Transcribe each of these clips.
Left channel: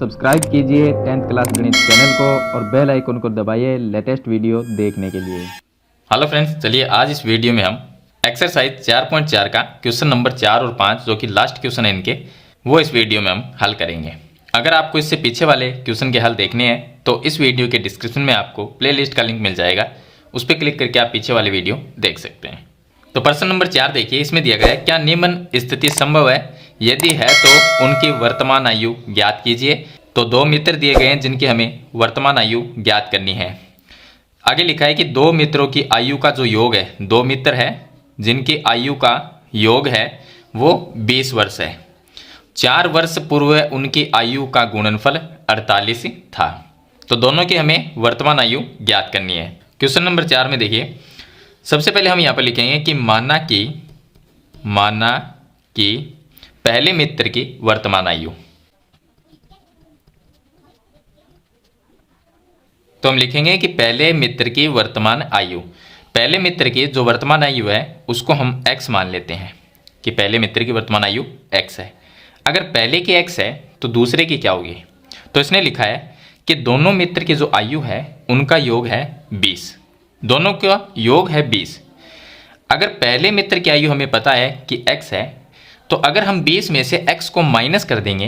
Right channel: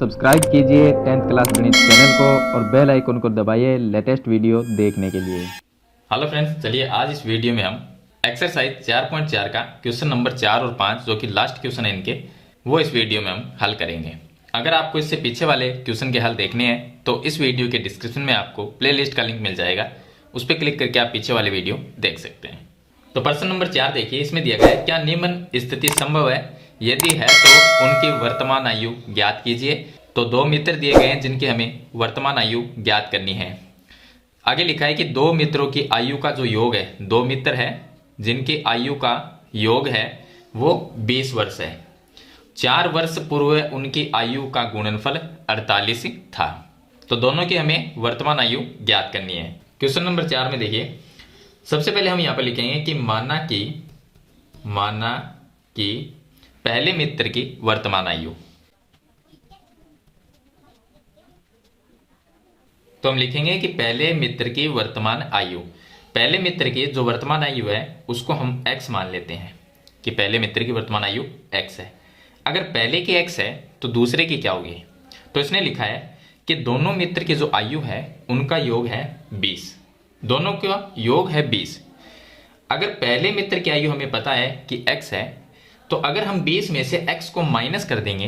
Subscribe कीजिए 10th class गणित channel को और बेल आइकन को दबाइए लेटेस्ट वीडियो देखने के लिए। हेलो फ्रेंड्स, चलिए आज इस वीडियो में हम एक्सरसाइज 4.4 का क्वेश्चन नंबर 4 और 5 जो कि लास्ट क्वेश्चन है इनके, वो इस वीडियो में हम हल करेंगे। अगर आपको इससे पीछे वाले क्वेश्चन के हल देखने हैं तो इस वीडियो के डिस्क्रिप्शन में आपको प्लेलिस्ट का लिंक मिल जाएगा, उस पर क्लिक करके आप पीछे वाले वीडियो देख सकते हैं। तो प्रश्न नंबर 4 देखिए, इसमें दिया गया है क्या निम्न स्थिति संभव है, यदि है तो उनकी वर्तमान आयु ज्ञात कीजिए। तो दो मित्र दिए गए हैं जिनकी हमें वर्तमान आयु ज्ञात करनी है। आगे लिखा है कि दो मित्रों की आयु का जो योग है, दो मित्र है जिनकी आयु का योग है वो 20 वर्ष है। 4 वर्ष पूर्व उनकी आयु का गुणनफल 48 था। तो दोनों की हमें वर्तमान आयु ज्ञात करनी है। क्वेश्चन नंबर 4 में देखिए, सबसे पहले हम यहाँ पर लिखेंगे कि माना कि पहले मित्र की वर्तमान आयु। तो हम लिखेंगे कि पहले मित्र की वर्तमान आयु, पहले मित्र की जो वर्तमान आयु है उसको हम x मान लेते हैं कि पहले मित्र की वर्तमान आयु x है। अगर पहले की x है तो दूसरे की क्या होगी? तो इसने लिखा है कि दोनों मित्र की जो आयु है उनका योग है 20, दोनों का योग है 20। अगर पहले मित्र की आयु हमें पता है कि x है, तो अगर हम 20 में से x को माइनस कर देंगे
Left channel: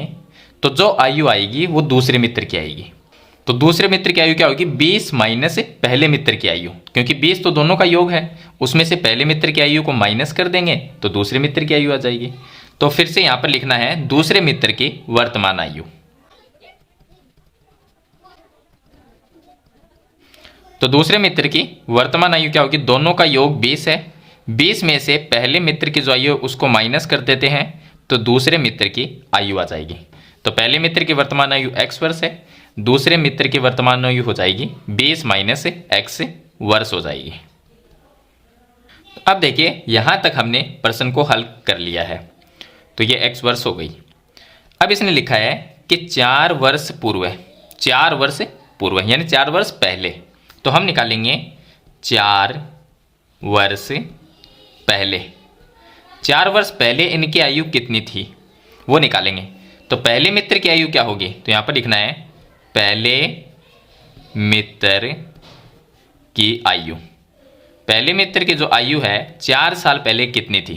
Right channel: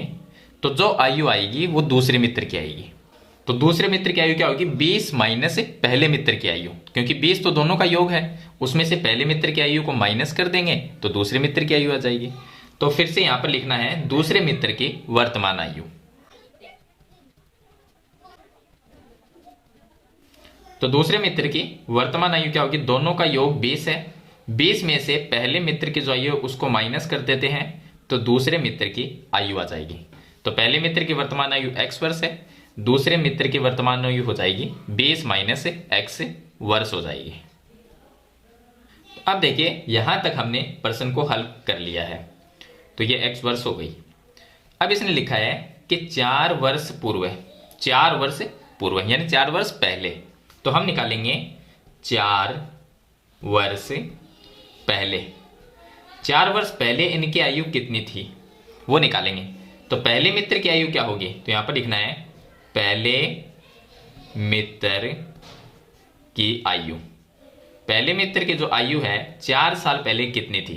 तो जो आयु आएगी वो दूसरे मित्र की आएगी। तो दूसरे मित्र की आयु क्या होगी? 20 माइनस पहले मित्र की आयु, क्योंकि 20 तो दोनों का योग है, उसमें से पहले मित्र की आयु को माइनस कर देंगे तो दूसरे मित्र की आयु आ जाएगी। तो फिर से यहां पर लिखना है दूसरे मित्र की वर्तमान आयु। तो दूसरे मित्र की वर्तमान आयु क्या होगी? दोनों का योग 20 है, 20 में से पहले मित्र की जो आयु है उसको माइनस कर देते हैं तो दूसरे मित्र की आयु आ जाएगी। तो पहले मित्र की वर्तमान आयु x वर्ष है, दूसरे मित्र की वर्तमान आयु हो जाएगी 20 माइनस x वर्ष हो जाएगी। अब देखिए यहां तक हमने प्रश्न को हल कर लिया है, तो ये x वर्ष हो गई। अब इसने लिखा है कि 4 वर्ष पूर्व, 4 वर्ष पूर्व यानी 4 वर्ष पहले। तो हम निकालेंगे 4 वर्ष पहले, 4 वर्ष पहले इनकी आयु कितनी थी वो निकालेंगे। तो पहले मित्र की आयु क्या होगी? तो यहां पर लिखना है पहले मित्र की आयु, पहले मित्र की जो आयु है 4 साल पहले कितनी थी?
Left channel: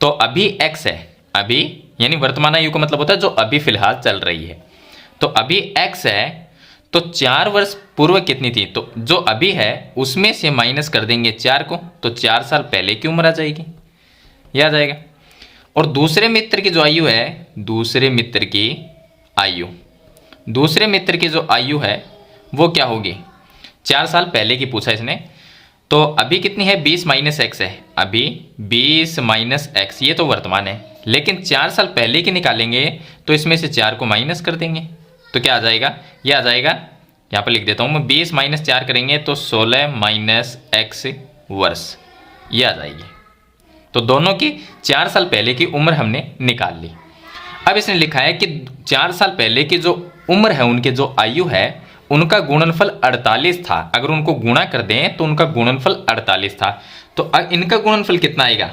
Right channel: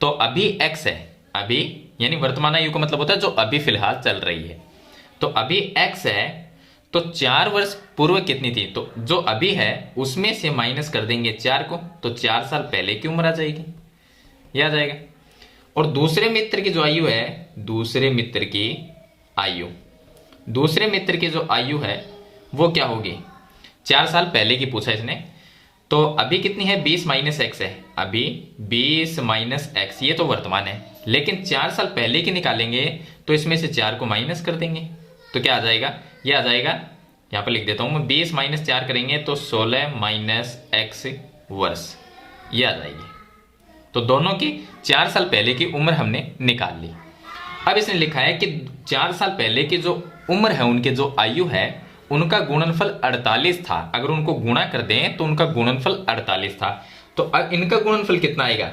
तो अभी x है, अभी यानी वर्तमान आयु का मतलब होता है जो अभी फिलहाल चल रही है। तो अभी x है तो 4 वर्ष पूर्व कितनी थी? तो जो अभी है उसमें से माइनस कर देंगे 4 को, तो 4 साल पहले की उम्र आ जाएगी, यह आ जाएगा। और दूसरे मित्र की जो आयु है, दूसरे मित्र की आयु, दूसरे मित्र की जो आयु है वो क्या होगी? 4 साल पहले की पूछा इसने। तो अभी कितनी है? 20 माइनस एक्स है, अभी 20 माइनस एक्स, ये तो वर्तमान है, लेकिन 4 साल पहले की निकालेंगे तो इसमें से 4 को माइनस कर देंगे तो क्या आ जाएगा? ये आ जाएगा, यहाँ पर लिख देता हूँ मैं, 20 माइनस 4 करेंगे तो 16 माइनस एक्स वर्ष, ये आ जाएगी। तो दोनों की 4 साल पहले की उम्र हमने निकाल ली। अब इसने लिखा है कि 4 साल पहले की जो उम्र है, उनके जो आयु है उनका गुणनफल 48 था। अगर उनको गुणा कर दें तो उनका गुणनफल 48 था। तो अब इनका गुणनफल कितना आएगा?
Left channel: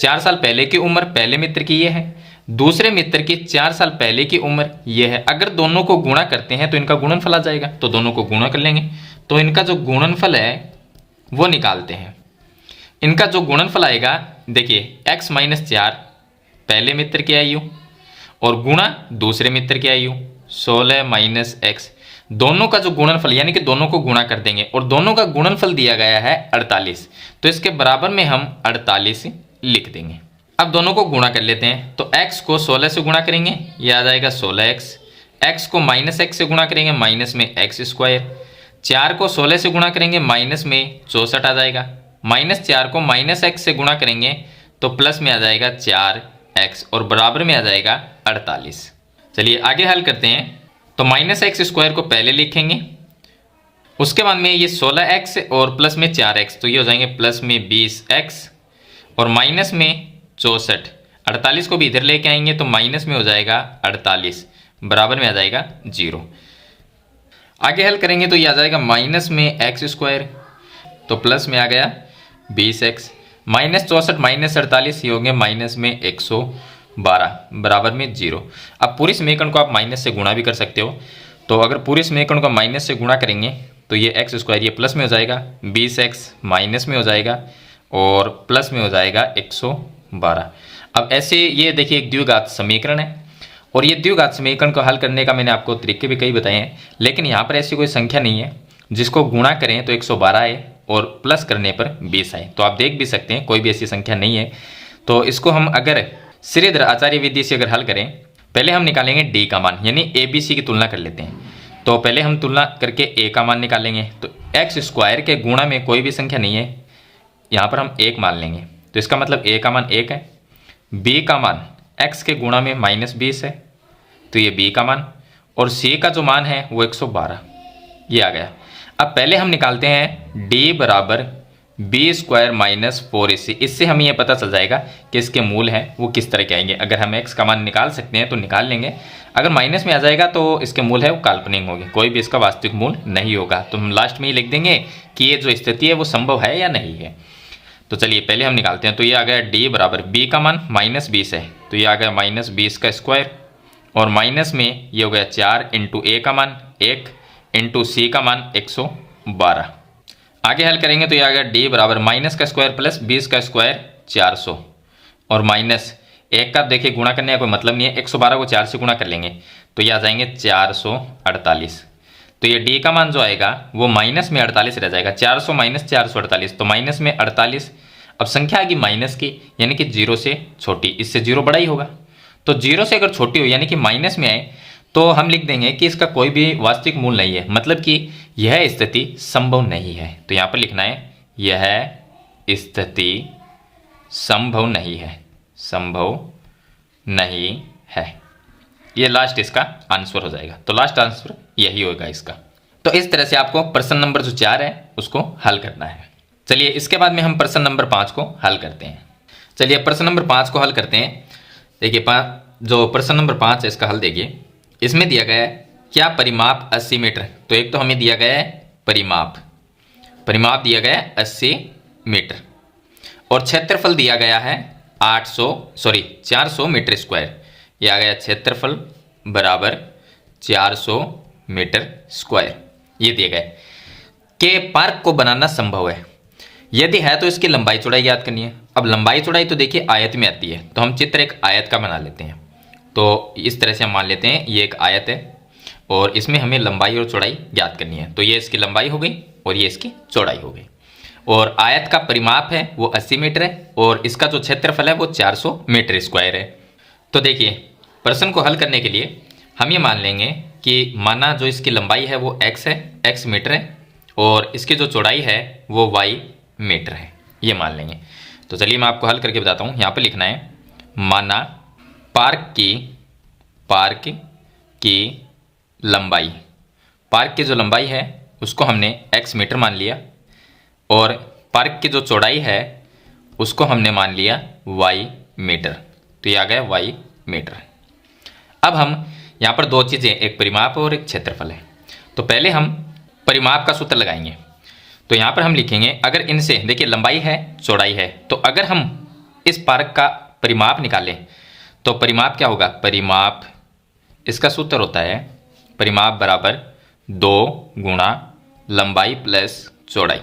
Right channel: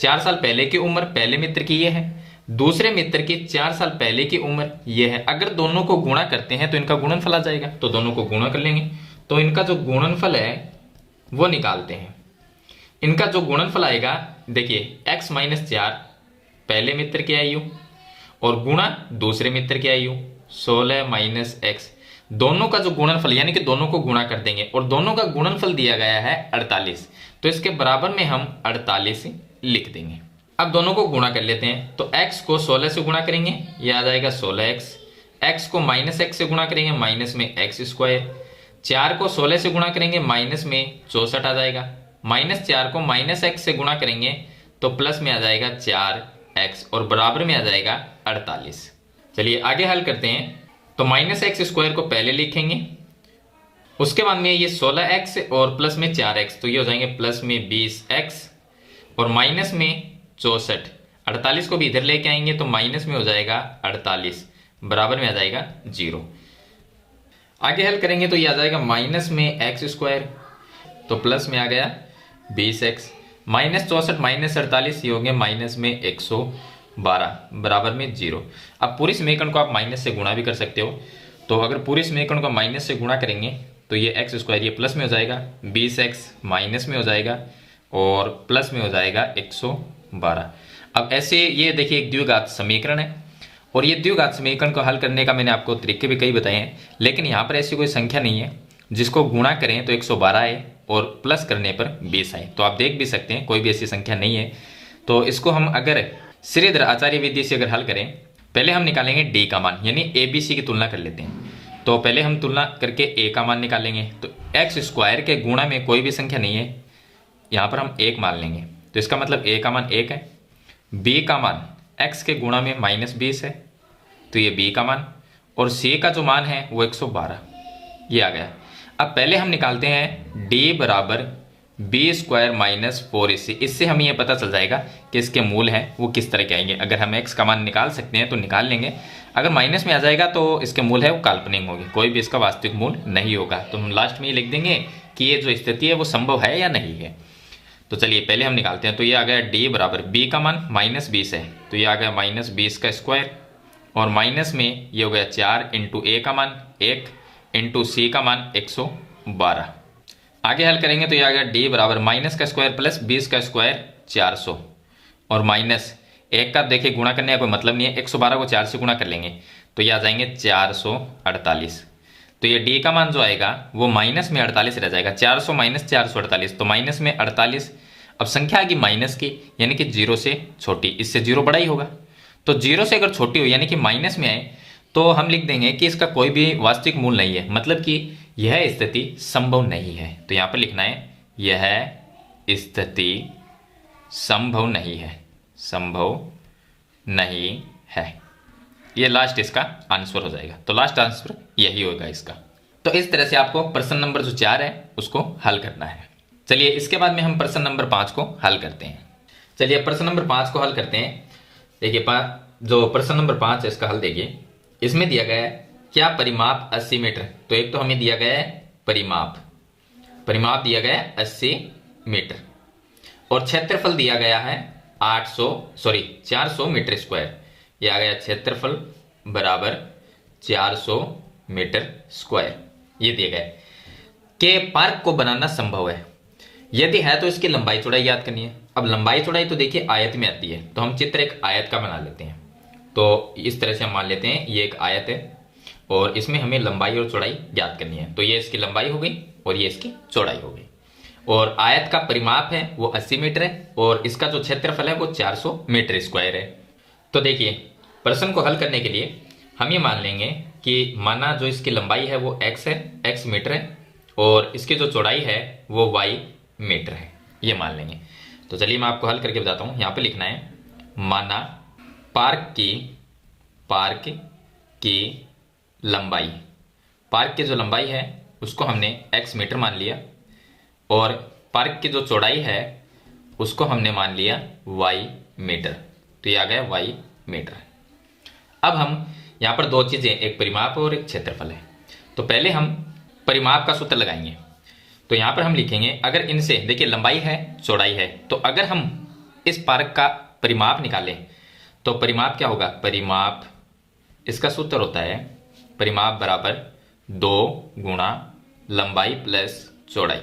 4 साल पहले की उम्र पहले मित्र की ये है, दूसरे मित्र की 4 साल पहले की उम्र ये है। अगर दोनों को गुणा करते हैं तो इनका गुणनफल आ जाएगा, तो दोनों को गुणा कर लेंगे। तो इनका जो गुणनफल है वो निकालते हैं। इनका जो गुणनफल आएगा, देखिए x माइनस 4 पहले मित्र की आयु और गुणा दूसरे मित्र की आयु 16 माइनस एक्स, दोनों का जो गुणनफल यानी कि दोनों को गुणा कर देंगे और दोनों का गुणनफल दिया गया है 48, तो इसके बराबर में हम 48 लिख देंगे। अब दोनों को गुणा कर लेते हैं। तो x को 16 से गुणा करेंगे, यह आ जाएगा 16x, x को माइनस x से गुणा करेंगे, माइनस में x स्क्वायर, 4 को 16 से गुणा करेंगे, माइनस में 64 आ जाएगा, माइनस 4 को माइनस x से गुणा करेंगे तो प्लस में आ जाएगा 4x और बराबर में आ जाएगा 48। चलिए आगे हल करते हैं। तो माइनस एक्स स्क्वायर को पहले लिखेंगे, उसके बाद में ये 16x और प्लस में 4x, तो ये हो जाएंगे प्लस में 20x और माइनस में 64, 48 को भी इधर लेके आएंगे तो माइनस में हो जाएगा 48, बराबर में आ जाएगा 0। आगे हल करेंगे तो ये आ जाएगा माइनस में एक्स स्क्वायर, तो प्लस में आ गया 20x, माइनस 64 माइनस 48 ये होंगे माइनस में 12 बराबर में 0। अब पूरे समीकरण को आप माइनस से गुणा भी कर सकते हो। तो अगर पूरे समीकरण को माइनस से गुणा करेंगे तो ये एक्स स्क्वायर ये प्लस में हो जाएगा, 20x माइनस में हो जाएगा और प्लस में हो जाएगा 112। अब ऐसे ये देखिए एक द्विघात समीकरण है और ये द्विघात समीकरण को हल करने का मैंने आपको तरीके भी कई बताए हैं, लेकिन यहाँ पर ऐसी कोई संख्या नहीं है जिसको गुणा करें तो 112 आए और प्लस करने पर 20 आए। तो आप देख भी सकते हैं कोई भी ऐसी संख्या नहीं है। तो इसको हम अगर श्रीधर आचार्य विधि से अगर हल करें, पहले हम निकालेंगे डी का मान, यानी ए बी सी की तुलना कर लेते हैं। तो पहले हम तुलना करके ए का मान निकालेंगे। तो एक्स स्क्वायर के गुणा में कोई भी संख्या नहीं है, यहाँ पर हम 1 मान लेंगे। तो इसका मतलब ए का मान 1 है। बी का मान एक्स के गुणा में -20 है, तो ये बी का मान, और सी का जो मान है वो 112 ये आ गया। अब पहले हम निकालते हैं d बराबर बी स्क्वायर माइनस 4ac। इससे हमें यह पता चल जाएगा कि इसके मूल हैं वो किस तरह के आएंगे। अगर हम x का मान निकाल सकते हैं तो निकाल लेंगे, अगर माइनस में आ जाएगा तो इसके मूल है वो काल्पनिक होंगे, कोई भी इसका वास्तविक मूल नहीं होगा। तो हम लास्ट में ही लिख देंगे कि ये जो स्थिति है वो संभव है या नहीं है। तो चलिए पहले हम निकालते हैं। तो ये आ गया d बराबर b का मान -20 है, तो ये आ गया -20 का स्क्वायर, और माइनस में ये हो गया 4 इंटू a का मान 1 इंटू सी का मान 112। आगे हल करेंगे तो ये आ गया d बराबर माइनस का स्क्वायर प्लस 20 का स्क्वायर 400, और माइनस 1 का देखिए गुणा करने का कोई मतलब नहीं है, 112 को 4 से गुणा कर लेंगे तो ये आ जाएंगे 448। तो ये d का मान जो आएगा वो माइनस में 48 रह जाएगा, 400 माइनस 448, तो माइनस में 48। अब संख्या आएगी माइनस की, यानी कि 0 से छोटी, इससे 0 बड़ा ही होगा। तो 0 से अगर छोटी हो यानी कि माइनस में आए तो हम लिख देंगे कि इसका कोई भी वास्तविक मूल नहीं है, मतलब कि यह स्थिति संभव नहीं है। तो यहाँ पर लिखना है यह स्थिति संभव नहीं है, संभव नहीं है। ये लास्ट इसका आंसर हो जाएगा। तो लास्ट आंसर यही होगा इसका। तो इस तरह से आपको प्रश्न नंबर जो 4 है उसको हल करना है। चलिए इसके बाद में हम प्रश्न नंबर 5 को हल करते हैं। चलिए प्रश्न नंबर 5 को हल करते हैं। देखिए जो प्रश्न नंबर 5 है इसका हल देखिए। इसमें दिया गया है क्या परिमाप 80 मीटर। तो एक तो हमें दिया गया है परिमाप दिया गया है 80 मीटर, और क्षेत्रफल दिया गया है 400 मीटर स्क्वायर। ये आ गया क्षेत्रफल बराबर 400 मीटर स्क्वायर। ये दिया गया है कि पार्क को बनाना संभव है, यदि है तो इसकी लंबाई चौड़ाई याद करनी है। अब लंबाई चौड़ाई तो देखिए आयत में आती है, तो हम चित्र एक आयत का बना लेते हैं। तो इस तरह से हम मान लेते हैं ये एक आयत है और इसमें हमें लंबाई और चौड़ाई ज्ञात करनी है। तो ये इसकी लंबाई हो गई और ये इसकी चौड़ाई हो गई, और आयत का परिमाप है वो 80 मीटर है, और इसका जो क्षेत्रफल है वो 400 मीटर स्क्वायर है। तो देखिए प्रश्न को हल करने के लिए हम ये मान लेंगे कि माना जो इसकी लंबाई है वो x है, x मीटर है, और इसकी जो चौड़ाई है वो y मीटर है, ये मान लेंगे। तो चलिए मैं आपको हल करके बताता हूँ। यहाँ पे लिखना है माना पार्क की लंबाई, पार्क की जो लंबाई है उसको हमने x मीटर मान लिया, और पार्क की जो चौड़ाई है उसको हमने मान लिया y मीटर। तो ये आ गया y मीटर। अब हम यहाँ पर दो चीज़ें, एक परिमाप और एक क्षेत्रफल है। तो पहले हम परिमाप का सूत्र लगाएंगे। तो यहाँ पर हम लिखेंगे अगर इनसे देखिए लंबाई है चौड़ाई है, तो अगर हम इस पार्क का परिमाप निकालें तो परिमाप क्या होगा, परिमाप इसका सूत्र होता है परिमाप बराबर 2 गुणा लंबाई प्लस चौड़ाई,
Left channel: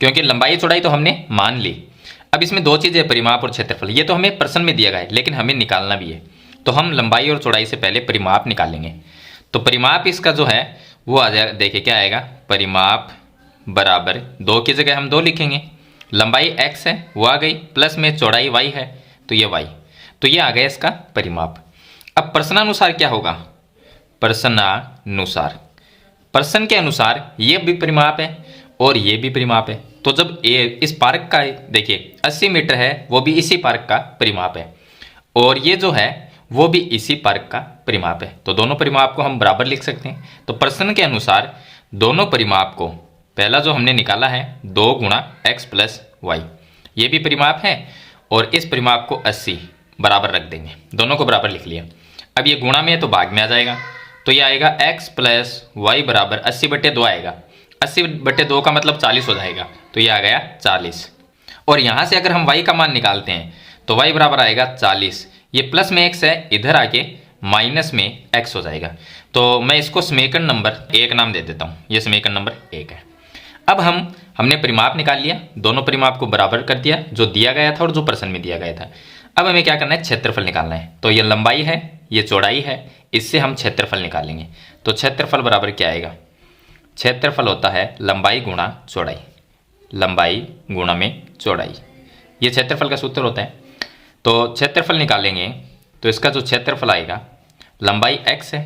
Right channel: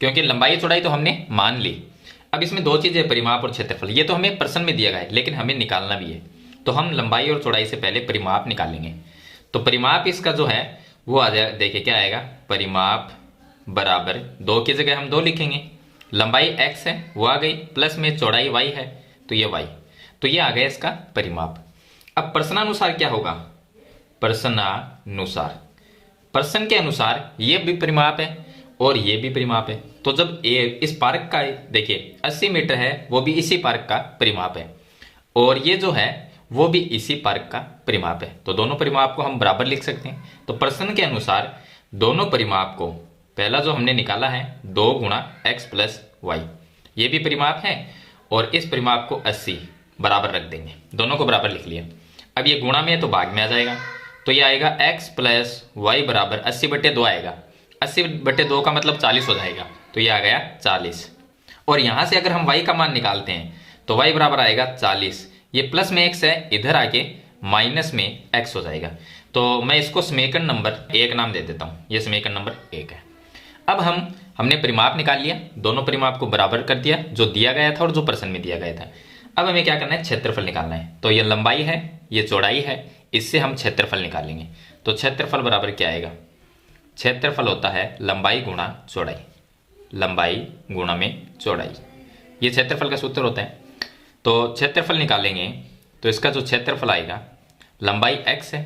क्योंकि लंबाई चौड़ाई तो हमने मान ली। अब इसमें दो चीज़ें परिमाप और क्षेत्रफल, ये तो हमें प्रश्न में दिया गया है लेकिन हमें निकालना भी है। तो हम लंबाई और चौड़ाई से पहले परिमाप निकालेंगे। तो परिमाप इसका जो है वो आ जाएगा, देखिए क्या आएगा, परिमाप बराबर 2 की जगह हम 2 लिखेंगे, लंबाई x है वो आ गई, प्लस में चौड़ाई y है तो ये y, तो ये आ गया इसका परिमाप। अब प्रश्नानुसार क्या होगा, प्रश्नानुसार, प्रश्न के अनुसार ये भी परिमाप है और ये भी परिमाप है। तो जब इस पार्क का देखिए 80 मीटर है, वो भी इसी पार्क का परिमाप है, और ये जो है वो भी इसी पार्क का परिमाप है, तो दोनों परिमाप को हम बराबर लिख सकते हैं। तो प्रश्न के अनुसार दोनों परिमाप को, पहला जो हमने निकाला है 2 गुणा x प्लस वाई, ये भी परिमाप है, और इस परिमाप को 80 बराबर रख देंगे, दोनों को बराबर लिख लिया। अब ये गुणा में है तो भाग में आ जाएगा, तो ये आएगा x प्लस वाई बराबर 80/2 आएगा, 80/2 का मतलब 40 हो जाएगा, तो ये आ गया 40। और यहाँ से अगर हम y का मान निकालते हैं तो y बराबर आएगा 40, ये प्लस में x है, इधर आके माइनस में x हो जाएगा। तो मैं इसको समीकरण नंबर 1 नाम दे देता हूँ, ये समीकरण नंबर 1 है। अब हमने परिमाप निकाल लिया, दोनों परिमाप को बराबर कर दिया, जो दिया गया था और जो प्रश्न में दिया गया था। अब हमें क्या करना है, क्षेत्रफल निकालना है। तो ये लंबाई है, ये चौड़ाई है, इससे हम क्षेत्रफल निकालेंगे। तो क्षेत्रफल बराबर क्या आएगा, क्षेत्रफल होता है लंबाई गुणा चौड़ाई, लंबाई गुणा में चौड़ाई, ये क्षेत्रफल का सूत्र होता है। तो क्षेत्रफल निकालेंगे तो इसका जो क्षेत्रफल आएगा, लंबाई x है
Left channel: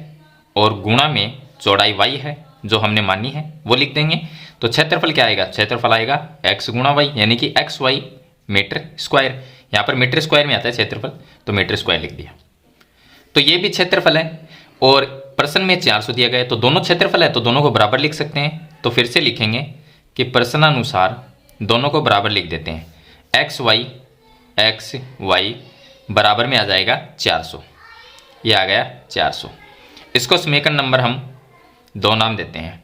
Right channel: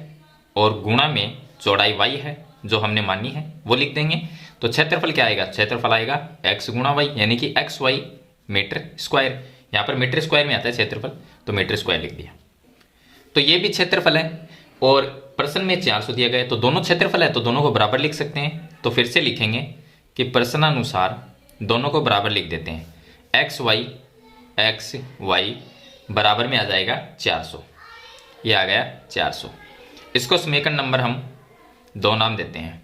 और गुणा में चौड़ाई y है, जो हमने मानी है वो लिख देंगे। तो क्षेत्रफल क्या आएगा, क्षेत्रफल आएगा x गुणा y, यानी कि एक्स वाई मीटर स्क्वायर। यहाँ पर मीटर स्क्वायर में आता है क्षेत्रफल, तो मीटर स्क्वायर लिख दिया। तो ये भी क्षेत्रफल है और प्रश्न में 400 दिया गया है, तो दोनों क्षेत्रफल है तो दोनों को बराबर लिख सकते हैं। तो फिर से लिखेंगे कि प्रश्नानुसार दोनों को बराबर लिख देते हैं। एक्स वाई बराबर में आ जाएगा 400, ये आ गया 400। इसको समीकरण नंबर हम 2 नाम देते हैं।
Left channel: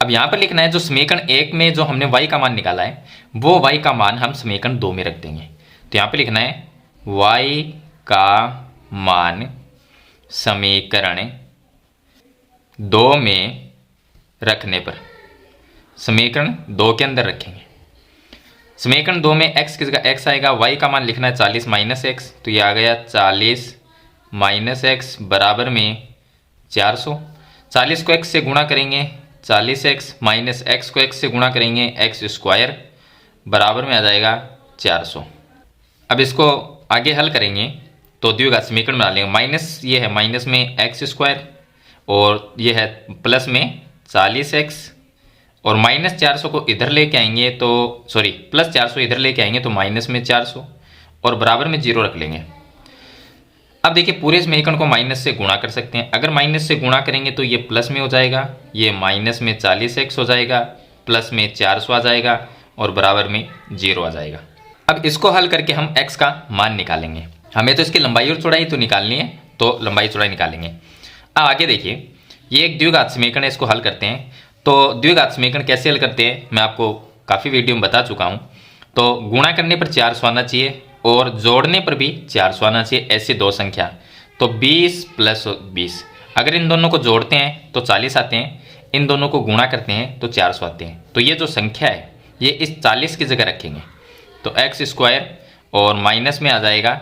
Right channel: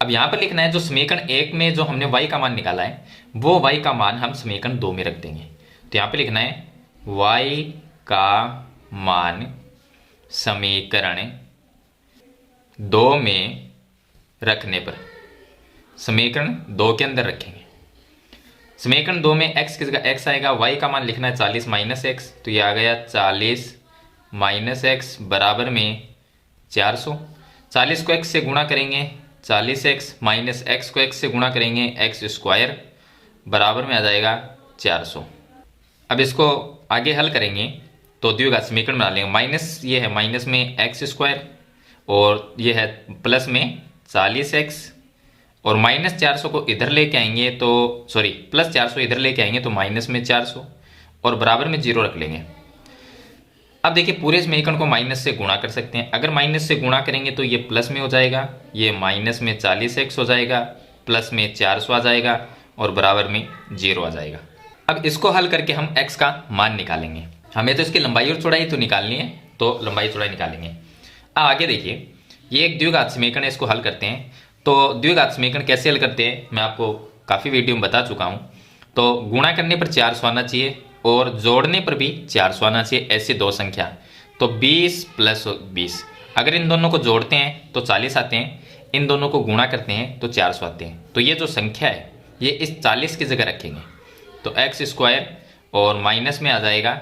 अब यहाँ पर लिखना है जो समीकरण 1 में जो हमने y का मान निकाला है, वो y का मान हम समीकरण 2 में रख देंगे। तो यहाँ पे लिखना है y का मान समीकरण 2 में रखने पर, समीकरण 2 के अंदर रखेंगे। समीकरण 2 में x की जगह x आएगा, y का मान लिखना है 40 माइनस एक्स, तो ये आ गया 40 माइनस एक्स बराबर में 400। 40 को x से गुणा करेंगे, 40x माइनस एक्स को x से गुणा करेंगे, एक्स स्क्वायर बराबर में आ जाएगा 400। अब इसको आगे हल करेंगे तो द्विघात समीकरण बना लेंगे। माइनस ये है, माइनस में एक्स स्क्वायर और ये है प्लस में 40x, और माइनस 400 को इधर लेके आएंगे तो सॉरी प्लस 400 इधर लेके आएंगे तो माइनस में 400 और बराबर में 0 रख लेंगे। अब देखिए पूरे समीकरण को माइनस से गुणा कर सकते हैं। अगर माइनस से गुणा करेंगे तो ये प्लस में हो जाएगा, ये माइनस में 40x हो जाएगा, प्लस में 400 आ जाएगा और बराबर में 0 आ जाएगा। अब इसको हल करके हम x का मान निकालेंगे। हमें तो इसकी लंबाई और चौड़ाई तो निकालनी है, तो लंबाई चौड़ाई निकालेंगे। अब आगे देखिए, ये एक द्विघात समीकरण है, इसको हल करते हैं। तो द्विघात समीकरण कैसे हल करते हैं मैं आपको काफ़ी वीडियो में बता चुका हूँ। तो गुणा करने पर 400 आना चाहिए और जोड़ने पर भी 400 आना चाहिए, ऐसी दो संख्या। तो 20 प्लस 20, अगर इन दोनों को जोड़ते हैं तो 40 आते हैं, इन दोनों को गुणा करते हैं तो 400 आते हैं। तो ये जो संख्या है ये इस 40 की जगह रखेंगे, तो एक्स स्क्वायर और माइनस में आ जाएगा,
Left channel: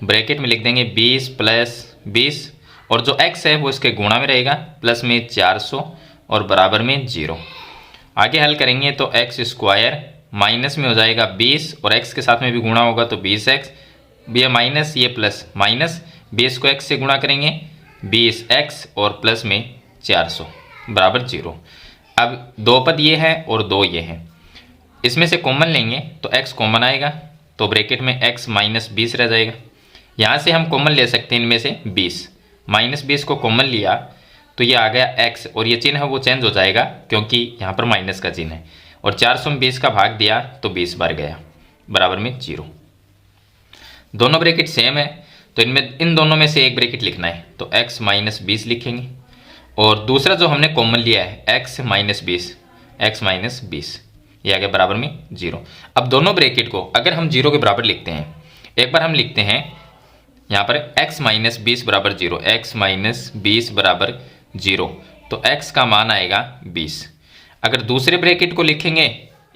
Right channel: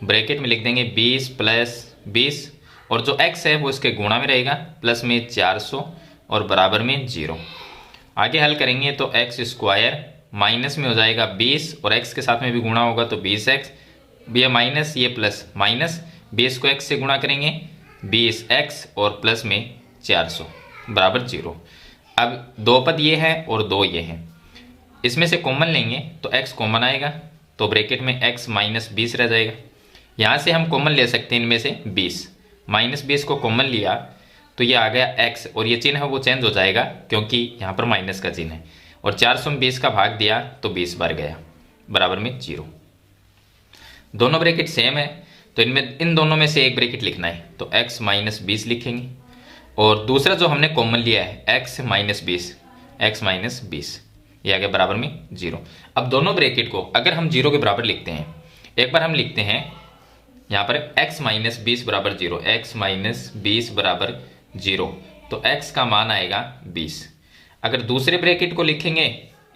ब्रैकेट में लिख देंगे 20 प्लस 20, और जो x है वो इसके गुणा में रहेगा, प्लस में 400 और बराबर में 0। आगे हल करेंगे तो एक्स स्क्वायर माइनस में हो जाएगा 20 और x के साथ में भी गुणा होगा तो 20x, ये माइनस ये प्लस, माइनस 20 को x से गुणा करेंगे 20x और प्लस में 400 बराबर 0। अब 2 पद ये है और 2 ये है, इसमें से कॉमन लेंगे तो x कॉमन आएगा, तो ब्रैकेट में x माइनस 20 रह जाएगा। यहाँ से हम कॉमन ले सकते हैं इनमें से 20, माइनस 20 को कॉमन लिया तो ये आ गया x, और ये चिन्ह है वो चेंज हो जाएगा क्योंकि यहाँ पर माइनस का चिन्ह है, और 400 में 20 का भाग दिया तो 20 बार गया, बराबर में 0। दोनों ब्रैकेट सेम है तो इनमें इन दोनों में से एक ब्रैकेट लिखना है, तो x माइनस 20 लिखेंगे, और दूसरा जो हमने कॉमन लिया है x माइनस 20, x माइनस 20, ये आ गया बराबर में 0। अब दोनों ब्रैकेट को अगर हम 0 के बराबर लिखते हैं, एक बार हम लिखते हैं यहाँ पर x माइनस 20 बराबर 0, x माइनस 20 बराबर 0, तो x का मान आएगा 20। अगर दूसरे ब्रैकेट को लिखेंगे,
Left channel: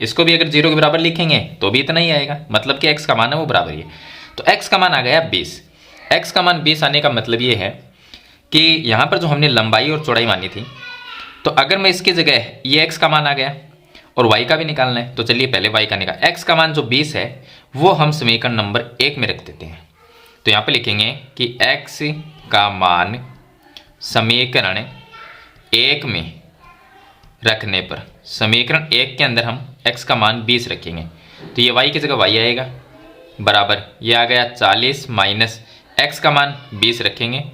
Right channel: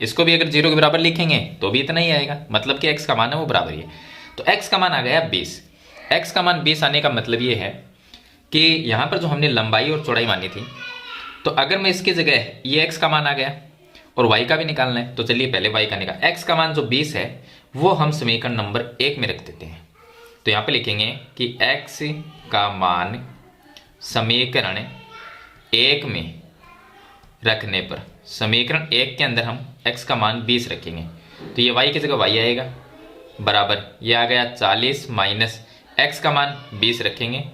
इसको भी अगर 0 के बराबर लिखेंगे तो भी इतना ही आएगा, मतलब कि x का मान है वो बराबर ही है। तो x का मान आ गया 20। x का मान 20 आने का मतलब ये है कि यहाँ पर जो हमने लंबाई और चौड़ाई मानी थी, तो अगर मैं इसकी जगह ये x का मान आ गया और y का भी निकालना है, तो चलिए पहले y का निकाल। x का मान जो 20 है वो हम समीकरण नंबर 1 में रख देते हैं। तो यहाँ पे लिखेंगे कि x का मान समीकरण 1 में रखने पर, समीकरण 1 के अंदर हम x का मान 20 रखेंगे, तो ये y की जगह y आएगा, बराबर ये आ गया 40 माइनस x का मान 20 रखेंगे,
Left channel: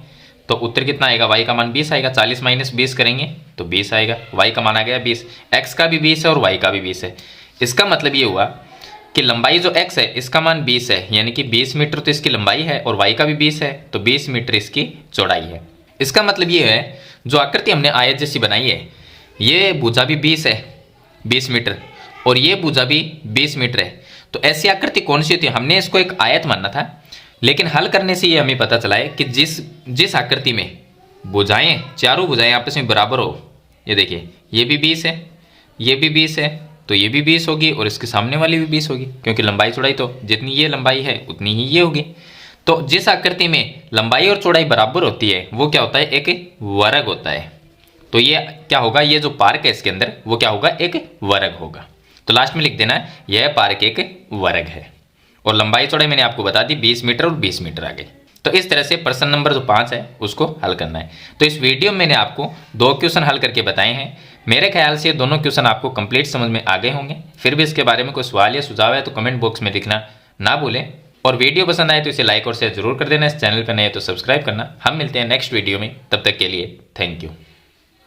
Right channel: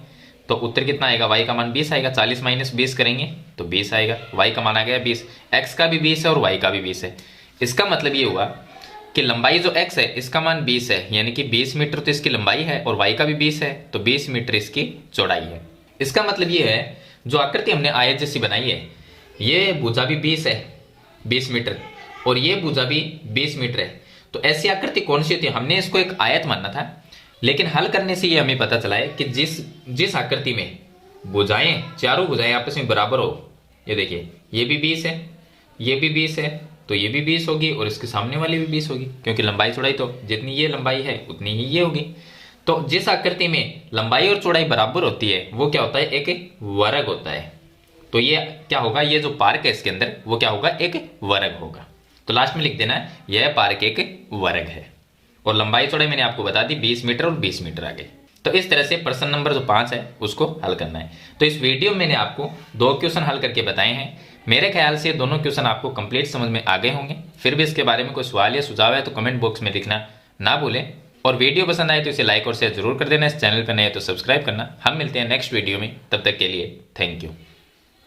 तो उत्तर कितना आएगा, y का मान 20 आएगा। 40 माइनस 20 करेंगे तो 20 आएगा, y का मान आ गया 20, x का भी 20 है और y का भी 20 है। इसका मतलब ये हुआ कि लंबाई जो x है इसका मान 20 है, यानी कि 20 मीटर तो इसकी लंबाई है, और y का भी 20 है तो 20 मीटर इसकी चौड़ाई है। इसका मतलब ये है जो आकृति हमने आयत जैसी बनाई है, ये भुजा भी 20 है 20 मीटर, और ये भुजा भी 20 मीटर है। तो ऐसी आकृति कौन सी होती है, हमने इसको एक आयत मानना था, लेकिन हल करने से ये हमें पता चला है कि जिस आकृति में भुजाएं, चारों भुजाएं आपस में बराबर हो, ये देखिए ये भी 20 है, ये भी 20 है, तो ये भी 20 होगी और इसके सामने वाली भी 20 होगी, क्योंकि लंबाई चौड़ाई तो जितनी ये लंबाई है उतनी ही ये होगी। तो जिस आकृति में लंबाई और चौड़ाई बराबर होती है वो क्या होता है, एक वर्ग होता है। तो ये क्या होगा, ये जो पार्क है इसके अंदर वो क्या होगा, एक वर्ग होगा। तो लास्ट में लिख देना है यह पार्क एक वर्ग है, और लंबाई चौड़ाई मैंने आपको बता दी 20 मीटर और 20 मीटर आगे। तो इस तरह से प्रश्न नंबर जो 5 है उसको हल करना है। तो इस वीडियो में मैंने आपको 2 क्वेश्चन हल करके बताए हैं। मेरे ख्याल से दोनों क्वेश्चन आपको कंप्लीट समझ में आ गए होंगे। फिर भी इसके बारे में कोई सवाल या सुझाव है तो कमेंट बॉक्स में लिखना ना भूलें, और वीडियो पसंद आए तो इसे लाइक और शेयर जरूर कर देना। इस चैनल पर नए तो सब्सक्राइब करना। हम मिलते हैं नेक्स्ट वीडियो में, तब तक के लिए थैंक यू।